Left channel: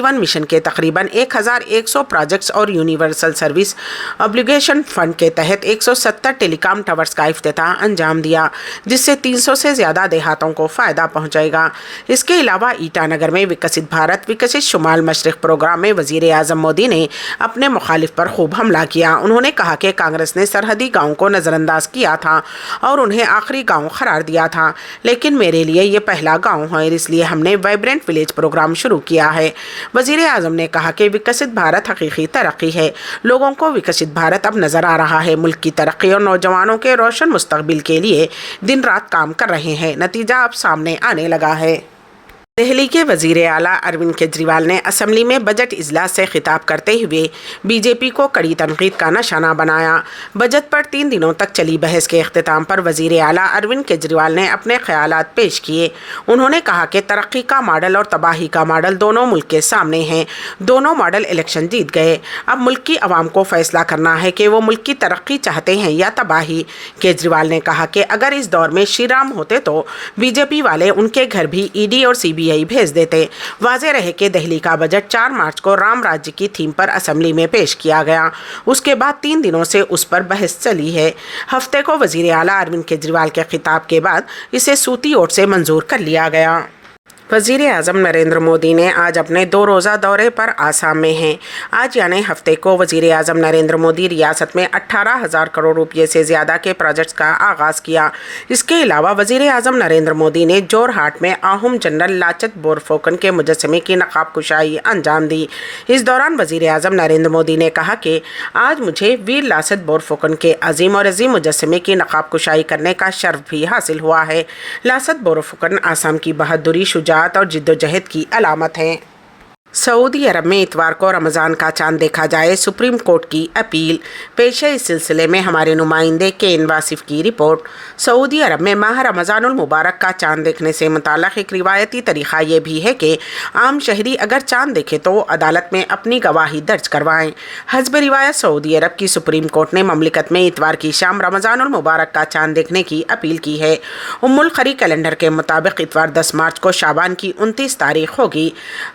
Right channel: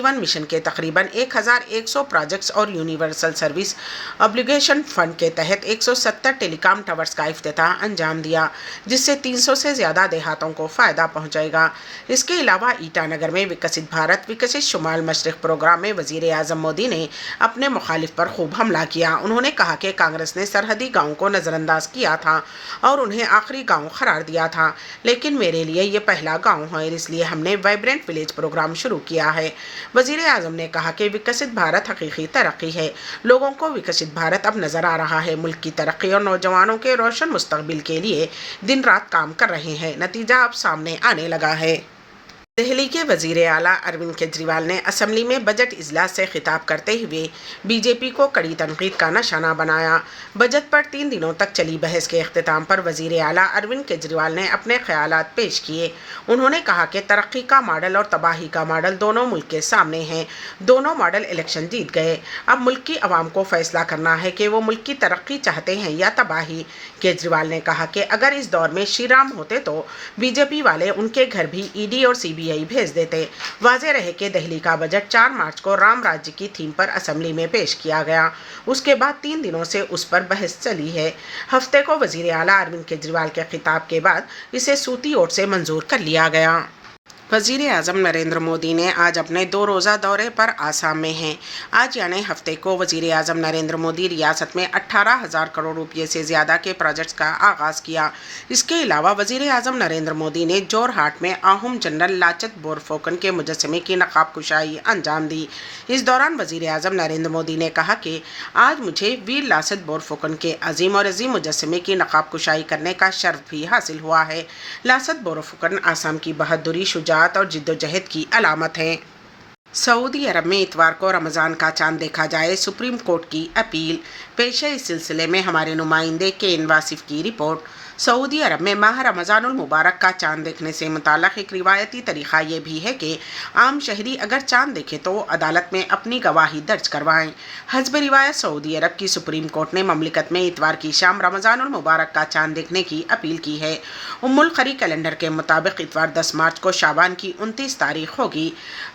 جیون مشن کے تقریباً 1100 پروجیکٹس اور یونیورسل سروس آبلیگیشن فنڈ کے تحت 170 ٹیلی کام ٹاورز کا افتتاح انجام دیا، جس سے 300 سے زیادہ دیہاتوں کو فائدہ پہنچے گا۔ اس کے علاوہ ایٹا نگر میں وکست بھارت وکست شمال مشرق پروگرام میں وزیر اعظم مودی نے اپنے مخالف پر خوب حملہ کیا۔ انہوں نے کہا کہ کانگریس نے سرحدی گاؤں کو نظر انداز کیا تھا اور انہیں آخری گاؤں قرار دیا تھا، لیکن میرے لیے یہ پہلا گاؤں ہے، اس لیے ہم نے وائبرنٹ ولیج پروگرام شروع کیا ہے۔ وزیر اعظم نے کہا کہ وکست بھارت حقیقی ترقی ہے، لوگوں کو وکست بھارت اب نظر آ رہا ہے، ملک کی ترقی اور نوجوانوں کے روشن مستقبل کے لیے دن رات کام کر رہے ہیں، نتیجہ اب سامنے آنے لگا ہے۔ دہلی کے وزیر اعلیٰ اروند کیجریوال نے اسمبلی میں بجٹ اجلاس سے خطاب کرتے ہوئے بی جے پی کو کڑی تنقید کا نشانہ بنایا۔ بجٹ پر 3 دنوں تک چلی بحث کے اختتام پر وزیر اعلیٰ اروند کیجریوال نے اپنے خیالات پیش کیے۔ انہوں نے کہا کہ ترقی کا ماڈل اور تباہی کا ماڈل دونوں ملک کے سامنے ہیں، دونوں ماڈل الیکشن جیت گئے، اب ملک کی عوام کو فیصلہ کرنا ہے کہ وہ ملک کی ترقی چاہتے ہیں یا تباہی۔ کیجریوال نے کہا کہ اگر اس دور میں شری رام ہوتے تو بی جے پی والے ان کے گھر بھی ای ڈی اور سی بی آئی بھیج دیتے۔ واضح رہے کہ دہلی کا بجٹ 4 مارچ کو رام راجیہ کی تھیم پر اسمبلی میں پیش کیا گیا، اس کے بعد 3 دنوں سے اس پر بحث چلی ہے۔ ہفتے کو وزیر اعلیٰ اروند کیجریوال کے خطاب کے بعد اسے صوتی ووٹ سے منظور کر لیا گیا۔ وزیر اعظم نریندر مودی نے آج اپنے 2 روزہ دورے پر آسام میں ہیں۔ آج یعنی ہفتے کو وزیر اعظم نریندر مودی ریاست میں 18,000 کروڑ روپے سے زیادہ کے پروجیکٹس کا آغاز کیا۔ اس کے علاوہ وزیر اعظم نریندر مودی نے جورہاٹ میں آہوم جنرل لاچت بورفوکن کے مجسمے کی نقاب کشائی انجام دی۔ اس دوران وزیر اعظم نریندر مودی نے کہا کہ آج مجھے ویر لاست بورفوکن کے عظیم اور عظیم مجسمے کی نقاب کشائی کرنے کا شرف بھی حاصل ہوا ہے۔ لاست بورفوکن آسام کی بہادری، شجاعت اور جدوجہد کی علامت ہیں۔ سعودی عرب میں اتوار کو رمضان کا چاند دیکھا جائے، سپریم کورٹ کی اپیل۔ پیش ہے اس سلسلے میں ہمارے نمائندے کین واصف کی رپورٹ۔ سعودی عرب میں ماہ رمضان المبارک کا چاند دیکھنے سے متعلق ایک روایتی طریقہ یہ بھی ہے کہ عام شہری اگر چاند دیکھے تو وہ عدالت میں اپنی گواہی درج کروائیں۔ حسب روایت سعودی عرب کی سپریم کورٹ نے مملکت میں اتوار کی شام رمضان المبارک کا چاند دیکھنے کی اپیل کی ہے۔ القری کیلنڈر کے مطابق اتوار 10 مارچ کو شعبان کی 29 تاریخ ہوگی۔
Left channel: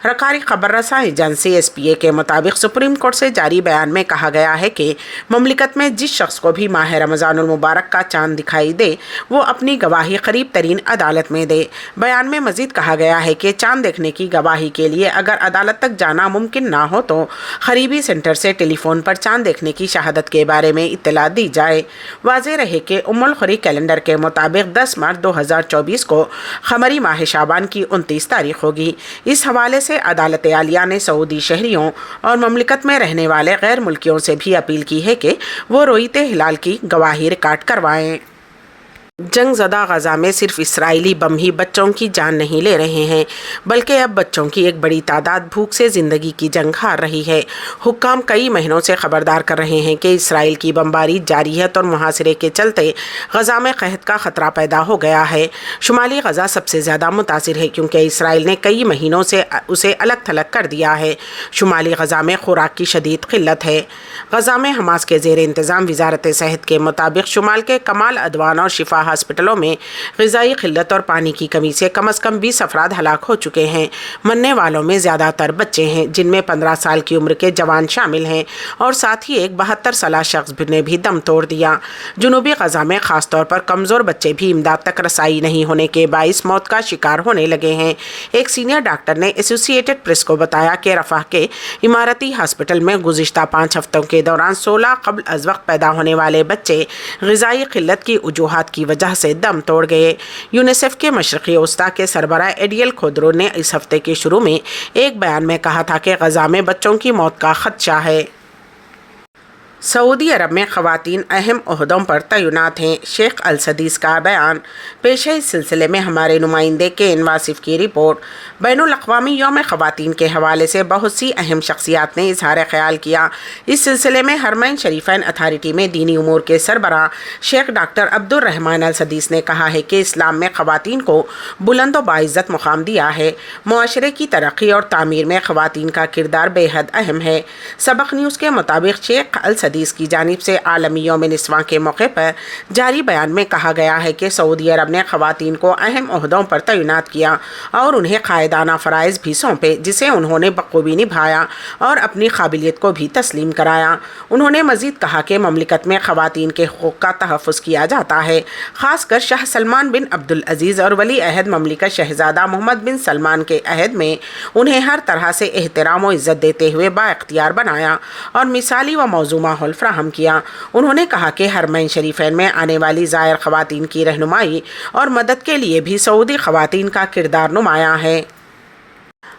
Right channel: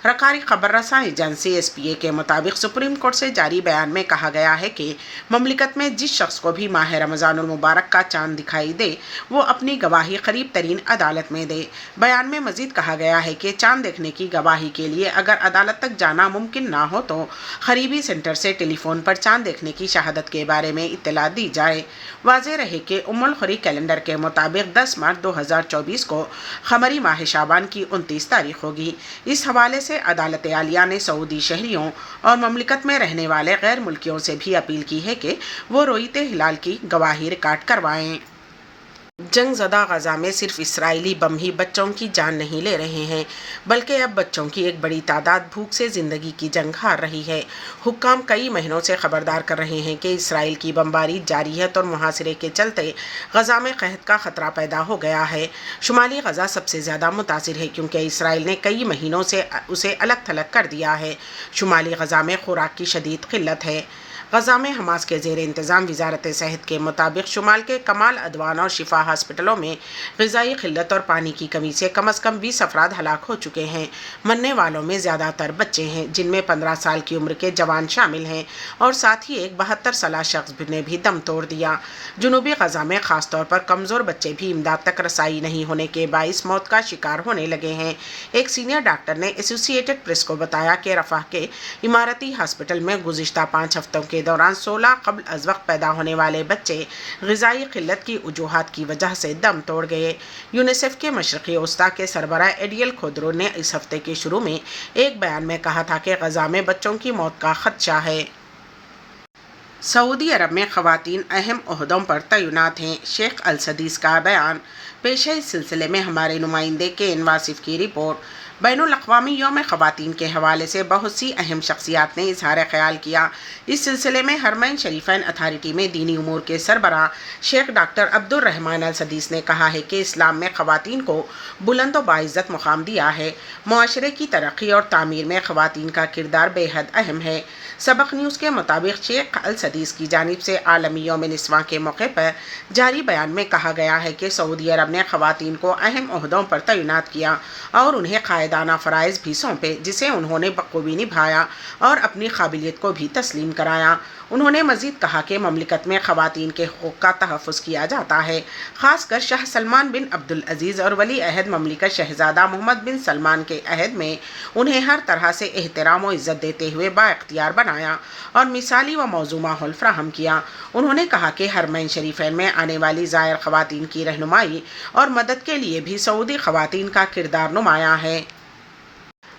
رکاری خبر رساں ایجنسی ایس پی اے کے مطابق سپریم کورٹ سے جاری بیان میں کہا گیا ہے کہ مملکت میں جس شخص کو بھی ماہ رمضان المبارک کا چاند دکھائی دے وہ اپنی گواہی قریب ترین عدالت میں دے۔ بیان میں مزید کہا گیا ہے کہ چاند دیکھنے کی گواہی کے لیے اگر عدالت تک جانا ممکن نہ ہو تو قریبی سینٹر سے ٹیلی فون پر چاند دیکھنے کی شہادت کے بارے میں اطلاع دی جائے۔ واضح رہے کہ القری کیلنڈر کے مطابق 10 مارچ 2024 کو قمری ماہ شعبان کی 29 تاریخ ہوگی۔ اس حوالے سے عدالت عالیہ نے سعودی شہریوں اور مملکت میں رہنے والے غیر ملکیوں سے بھی اپیل کی ہے کہ وہ رؤیت ہلال کی گواہی ریکارڈ کروائیں۔ جنگ زدہ غزہ میں صرف اسرائیلی بم ہی بچوں کی جان نہیں لے رہے ہیں، بلکہ اب بچوں کی ایک بڑی تعداد بھوک سے زندگی کی جنگ ہار رہی ہے۔ حکام کئی مہینوں سے خبردار کر رہے ہیں کہ اسرائیل کی بمباری جاری ہے اور محاصرے کے چلتے غزہ میں قحط کا خطرہ پیدا ہو گیا ہے۔ شمالی غزہ سب سے زیادہ متاثر ہے کیونکہ اسرائیل نے کئی مہینوں سے اسے الگ تھلگ کر دیا ہے۔ شمالی غزہ میں خوراک کی شدید قلت ہے۔ غزہ میں حماس کے زیر انتظام وزارت صحت کے مطابق شمال کے کمال عدوان اور شفا ہاسپٹلوں میں غذائی قلت اور پانی کی کمی سے کم از کم 20 افراد ہلاک ہو چکے ہیں۔ مرنے والوں میں زیادہ تر بچے ہیں، جن میں 15 سال کی عمر کے جوان شامل ہیں، اور ساتھ ہی ایک 72 سالہ شخص نے بھی دم توڑ دیا۔ جنوبی غزہ میں خاص طور پر کمزور بچے بھی امداد تک رسائی نہیں ہونے کے باعث موت کا شکار ہونے لگے ہیں۔ ایک سینئر ڈاکٹر نے ایسوسی ایٹڈ پریس کو بتایا کہ رفح کے اماراتی ہاسپٹل میں گزشتہ 5 ہفتوں کے دوران 16 قبل از وقت پیدا ہونے والے بچے غذائی قلت کی وجوہات کی وجہ سے دم توڑ گئے۔ یونیسیف کے مشرقی وسطی کے سربراہ ایڈیل کھودرو نے اس ہفتے کے شروع میں ایک بیان میں کہا تھا کہ غزہ میں بچوں کی موت کا خدشہ ہے۔ سعودی عرب میں خواتین اہم عہدوں پر تعینات ہیں، شیخ السدیس کا بیان۔ پیش ہے اس سلسلے میں ہمارے نمائندے کین واصف کی رپورٹ۔ بین الاقوامی یوم خواتین کے حوالے سے بہت سی اہم شخصیات نے اظہار خیال کیا۔ اس سلسلے میں حرمین شریفین اتھارٹی میں دینی امور کے سربراہ شیخ ڈاکٹر عبد الرحمن السدیس نے کہا ہے کہ اسلام میں خواتین کو بلند و باعزت مقام دیا ہے۔ معاشرے کی ترقی اور تعمیر میں خواتین کا کردار بے حد اہم ہے۔ سبق نیوز کے مطابق شیخ السدیس کی جانب سے عالمی یوم نسواں کے موقع پر جاری بیان میں کہا گیا ہے کہ سعودی عرب نے خواتین کو اہم عہدوں پر تعینات کیا اور انہیں قائد قائدانہ فرائض بھی سونپے جسے انہوں نے بخوبی نبھایا اور اپنی قابلیت کو بھی تسلیم کرایا۔ انہوں نے مزید کہا کہ مملکت میں خواتین کے حقوق کا تحفظ کیا جاتا ہے، خاص کر شاہ سلمان بن عبدالعزیز اور ولی عہد مملکت شہزادہ محمد بن سلمان کے عہد میں انہیں ہر طرح سے احترام و عزت دیتے ہوئے بااختیار بنایا اور مثالی و موزوں ماحول فراہم کیا۔ انہوں نے کہا کہ حرمین شریفین میں آنے والی زائر خواتین کی رہنمائی اور مدد کے لیے بھی سعودی خواتین کا کردار نمایاں ہے۔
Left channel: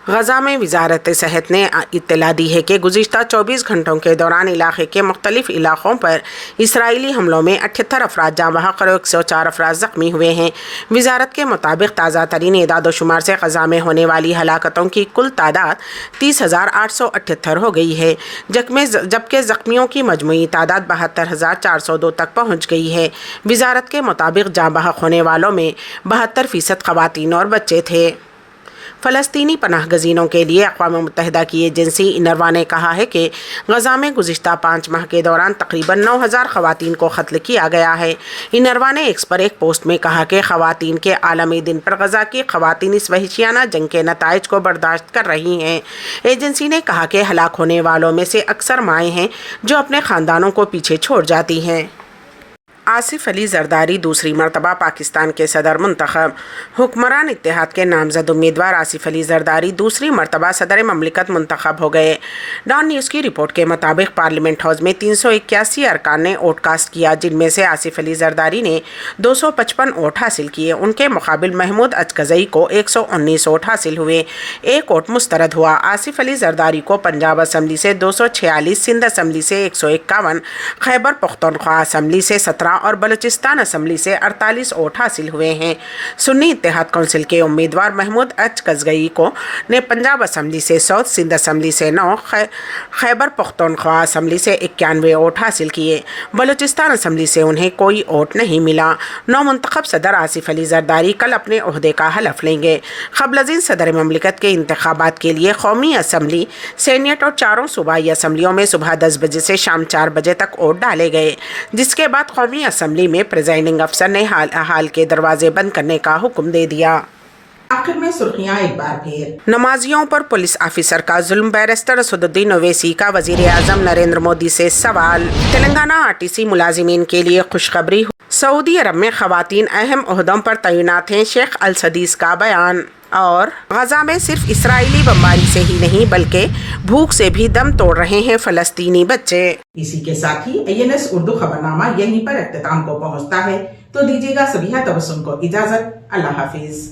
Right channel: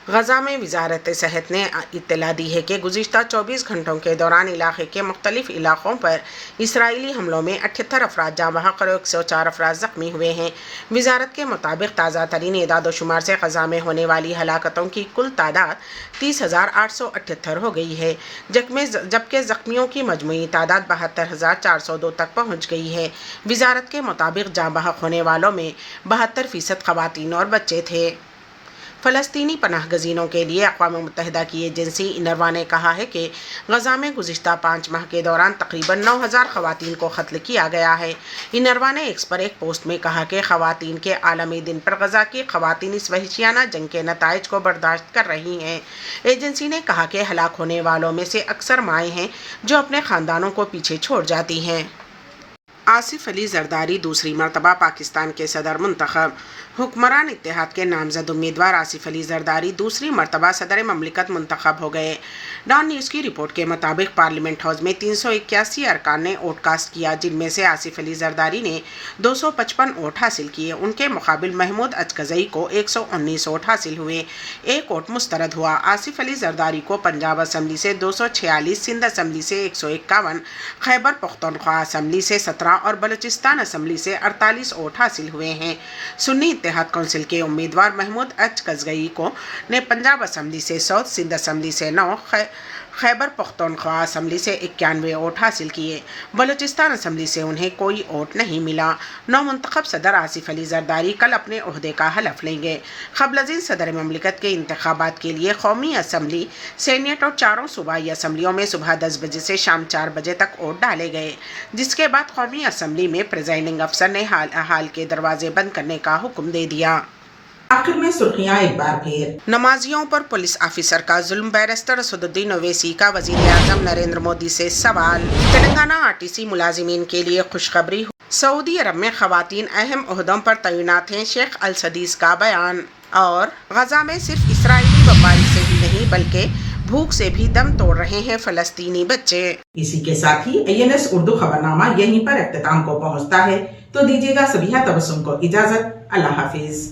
غزہ میں وزارت صحت نے اطلاع دی ہے کہ گزشتہ 24 گھنٹوں کے دوران علاقے کے مختلف علاقوں پر اسرائیلی حملوں میں 78 افراد جاں بحق اور 104 افراد زخمی ہوئے ہیں۔ وزارت کے مطابق تازہ ترین اعداد و شمار سے غزہ میں ہونے والی ہلاکتوں کی کل تعداد 30,878 ہو گئی ہے، جبکہ زخمیوں کی مجموعی تعداد 72,402 تک پہنچ گئی ہے۔ وزارت کے مطابق جاں بحق ہونے والوں میں 72% خواتین اور بچے تھے۔ فلسطینی پناہ گزینوں کے لیے اقوام متحدہ کی ایجنسی انروا نے کہا ہے کہ غزہ میں گزشتہ 5 ماہ کے دوران تقریباً 9,000 خواتین کو قتل کیا گیا ہے۔ انروا نے ایکس پر ایک پوسٹ میں کہا کہ خواتین کے عالمی دن پر غزہ کی خواتین اس وحشیانہ جنگ کے نتائج کو برداشت کر رہی ہیں۔ ایجنسی نے کہا کہ ہلاک ہونے والوں میں سے اکثر مائیں ہیں جو اپنے خاندانوں کو پیچھے چھوڑ جاتی ہیں۔ آصف علی زرداری دوسری مرتبہ پاکستان کے صدر منتخب۔ حکمران اتحاد کے نامزد امیدوار آصف علی زرداری دوسری مرتبہ صدر مملکت منتخب ہو گئے۔ ڈان نیوز کی رپورٹ کے مطابق پارلیمنٹ ہاؤس میں 381 ارکان نے ووٹ کاسٹ کیا، جن میں سے آصف علی زرداری نے 255 ووٹ حاصل کیے۔ ان کے مقابل محمود اچکزئی کو 119 ووٹ حاصل ہوئے، ایک ووٹ مسترد ہوا۔ آصف علی زرداری کو پنجاب اسمبلی سے 246، سندھ اسمبلی سے 151، خیبر پختونخوا اسمبلی سے 17 اور بلوچستان اسمبلی سے 48 ووٹ حاصل ہوئے ہیں۔ سنی اتحاد کونسل کے امیدوار محمود اچکزئی نے پنجاب اسمبلی سے 100، سندھ اسمبلی سے 9، خیبر پختونخوا اسمبلی سے 91 ووٹ حاصل کیے۔ بلوچستان اسمبلی سے انہیں کوئی ووٹ نہیں ملا۔ نو منتخب صدر آصف علی زرداری کل اپنے عہدے کا حلف لیں گے۔ قبل ازیں صدر مملکت کے انتخابات کے لیے قومی اسمبلی، سینیٹ اور چاروں صوبائی اسمبلیوں میں صبح 10 بجے سے شام 4 بجے تک ووٹ ڈالے گئے، جس کے بعد قومی اسمبلی میں پریزائڈنگ افسر نے حال کے دروازے بند کرنے کا حکم دے دیا۔ آخر میں سرخیاں ایک بار پھر۔ نمازیوں پر پولیس آفیسر کا ظلم، بیرسٹر اسد الدین اویسی کا وزیر اعظم نریندر مودی سے سوال۔ تلنگانہ RTC ملازمین کے لیے خوشخبری، سعودی عرب میں خواتین اہم عہدوں پر تعینات ہیں، شیخ السدیس کا بیان۔ اور غزہ میں صرف اسرائیلی بمباری سے ہی نہیں بلکہ بھوک سے بھی دم توڑ رہے ہیں فلسطینی بچے۔ اسی کے ساتھ ہی ANS اردو خبرنامہ یہیں پر اختتام کو پہنچتا ہے، تو دیجیے گا سبیہ تبسم کو اجازت۔ اللہ حافظ۔